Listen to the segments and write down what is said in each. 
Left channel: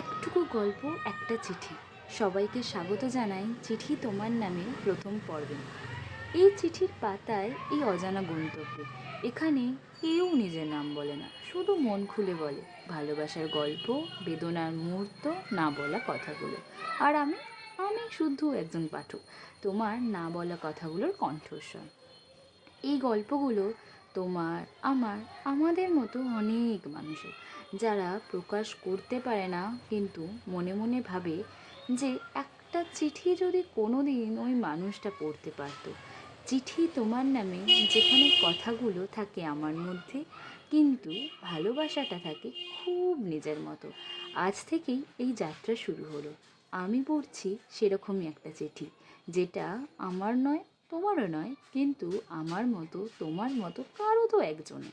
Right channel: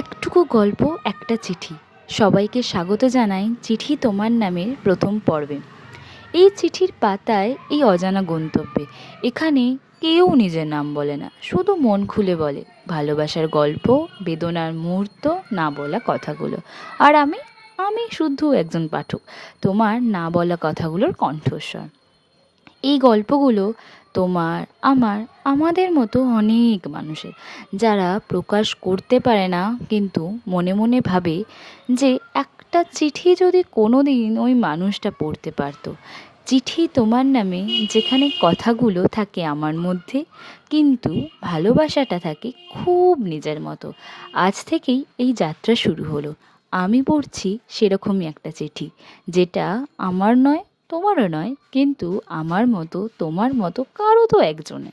একটুকু গল্প, একটা চিঠি। সবাইকে স্বাগত জানাই চিঠি তোমার নামের প্রথম পর্বে। এই চিঠির পাতায়, এই অজানা গন্তব্যে, এখানে কেউ নিজের নাম বলে না, শুধু মন খুলে বলে ভালোবাসার গল্প, বেদনার মুহূর্ত, না বলা কথাগুলো। আর আমি আমি শুধু একজন পাঠক, তোমার না বলা কথাগুলোর কণ্ঠস্বর। এই গল্পগুলো তোমার, আমার, আমাদের মতো অনেক মানুষের, যারা প্রকাশ করতে পারে না কিন্তু মনে মনে ভাবে যে একটা চিঠি যদি কোনো দিন ওই মানুষটা পড়তে পারতো। চিঠি তোমার নামে, যেখানে কথাগুলো থাকে আমার মধ্যে, কিন্তু ভালোবাসাটা থাকে খুব নিজের মতো। আজ থেকেই এই যাত্রা শুরু হলো। আমি পড়ছি সেরকমই একটা চিঠি, যেটা আমার নয়, তোমারও নয়, কিন্তু আমার মতো তোমার মতো কারো তো একজনে।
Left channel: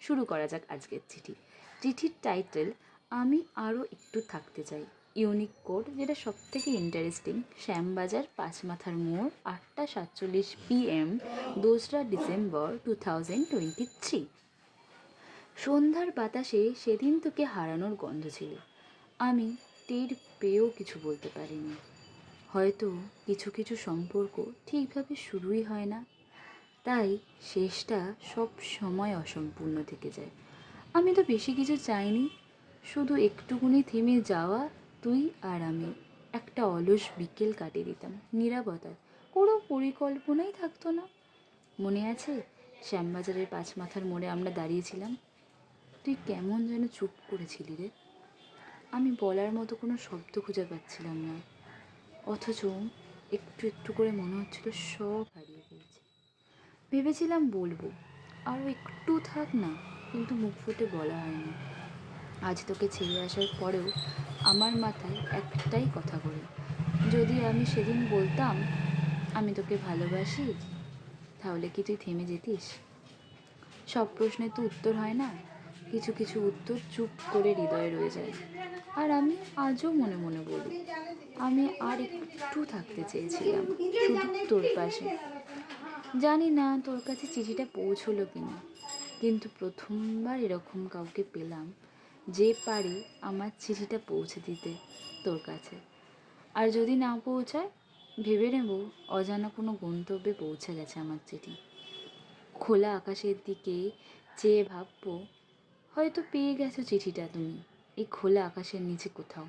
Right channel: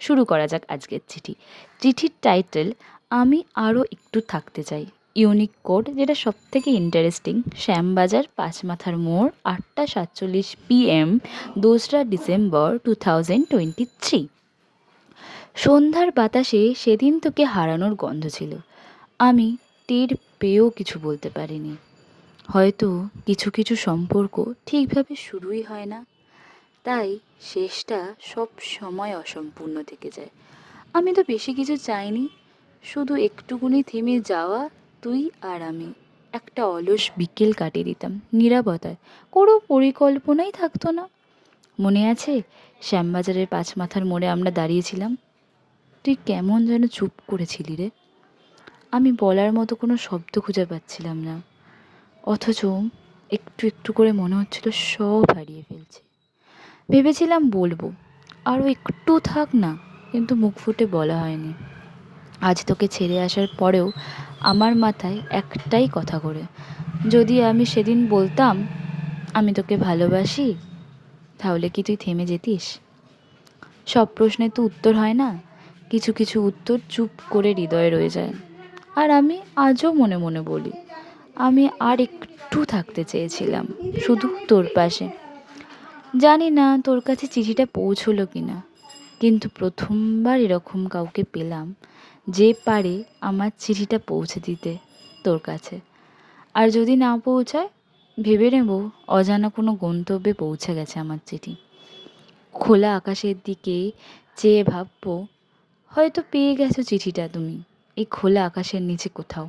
শুরু করা যাক আজকের চিঠি। চিঠির টাইটেল, আমি আরও একটু থাকতে চাই। ইউনিক কোড, যেটা সব থেকে ইন্টারেস্টিং, শ্যামবাজার, পাঁচমাথার মোড়, 8টা 47 PM, 2রা ডিসেম্বর 2023। সন্ধ্যার বাতাসে সেদিন তোকে হারানোর গন্ধ ছিল। আমি টের পেয়েও কিছু বলতে পারিনি। হয়তো কিছু কিছু সম্পর্ক ঠিকভাবে শুরুই হয় না, তাই শেষটা সব সময় অসম্পূর্ণ থেকে যায়। আমি তো বেশি কিছু চাইনি, শুধু একটুকুনি থেমে যাওয়া, তুই আর আমি। একটা অলস বিকেল কাটিয়ে দিতাম নীরবতায়, কোনো পরিকল্পনাই থাকতো না। মনে আছে শ্যামবাজারের পাঁচমাথার মোড়ে আমরা দাঁড়িয়েছিলাম? তুই কেমন যেন চুপ করেছিলি রে। আমি বলার মতো কোনো শব্দ খুঁজে পাচ্ছিলাম না, অথচ একটু একটু করে মনে হচ্ছিল সব হারিয়ে ফেলছে। ভেবেছিলাম বলবো, আরও একটু থাক না, কিন্তু মুখ ফুটে বলা হয়নি। আজ তোকে ছেড়ে আসার পরেও আমার মাথায় একটাই কথা করে, যদি আমি সেদিন বলতাম আমি তোকে ভালোবাসি, তাহলে কি তুই থেমে যেতিস? সব প্রশ্নের তো উত্তর হয় না, কিছু কিছু উত্তর চুপ করে হৃদয়ে রয়ে যায়। আর আমি আজও মনে মনে বলি, আমি আর একটু থাকতে চেয়েছিলাম, শুধু তোর পাশে। জানি না তোর কাছে চিঠিটা পৌঁছলো কি না, কিন্তু প্রথমবার এরকম কাউকে পেলাম যে পারে আমার চিঠিটা পৌঁছে দিতে তোর কাছে। আর যদি না পৌঁছায়, ভেবে নেব অজানা কোনো গন্তব্যে পৌঁছে গেছে আমার চিঠি। খোলা আকাশের দিকে চেয়ে ভাববো, হয়তো পেয়ে গেছো চিঠিটা তুমি এই খোলা আকাশের নিচে কোথাও।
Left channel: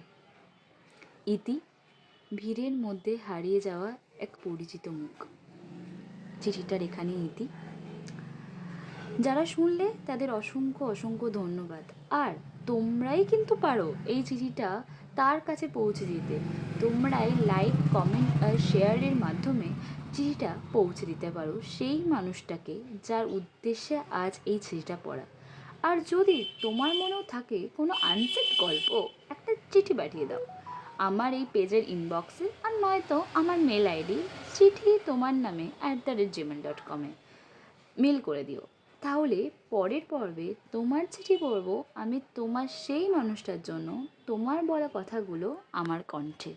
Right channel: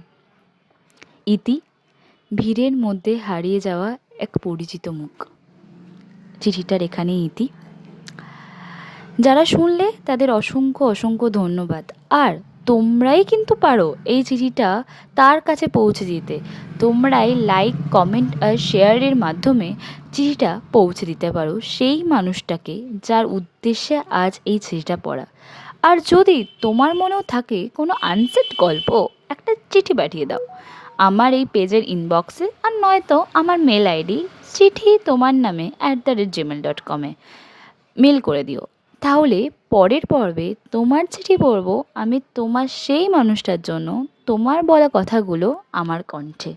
ইতি, ভিড়ের মধ্যে হারিয়ে যাওয়া এক পরিচিত মুখ। চিঠিটার এখানেই ইতি। যারা শুনলে তাদের অসংখ্য অসংখ্য ধন্যবাদ। আর তোমরাই কিন্তু পারো এই চিঠিটা তার কাছে পৌঁছে দিতে। তোমরাই লাইক, কমেন্ট আর শেয়ারের মাধ্যমে চিঠিটা পৌঁছে দিতে পারো সেই মানুষটাকে যার উদ্দেশ্যে আজ এই চিঠিটা পড়া। আর যদি তোমার মনেও থাকে কোনো আনসেট গল্প, একটা চিঠি পাঠিয়ে দাও আমার এই পেজের ইনবক্সে, আর নয়তো আমার মেল আইডি চিঠি তোমার নামে @gmail.com-এ মেল করে দিও। তাহলে পরের পর্বে তোমার চিঠি পড়ব আমি, তোমার সেই মানুষটার জন্য, তোমার বলা কথাগুলো আমার কণ্ঠে।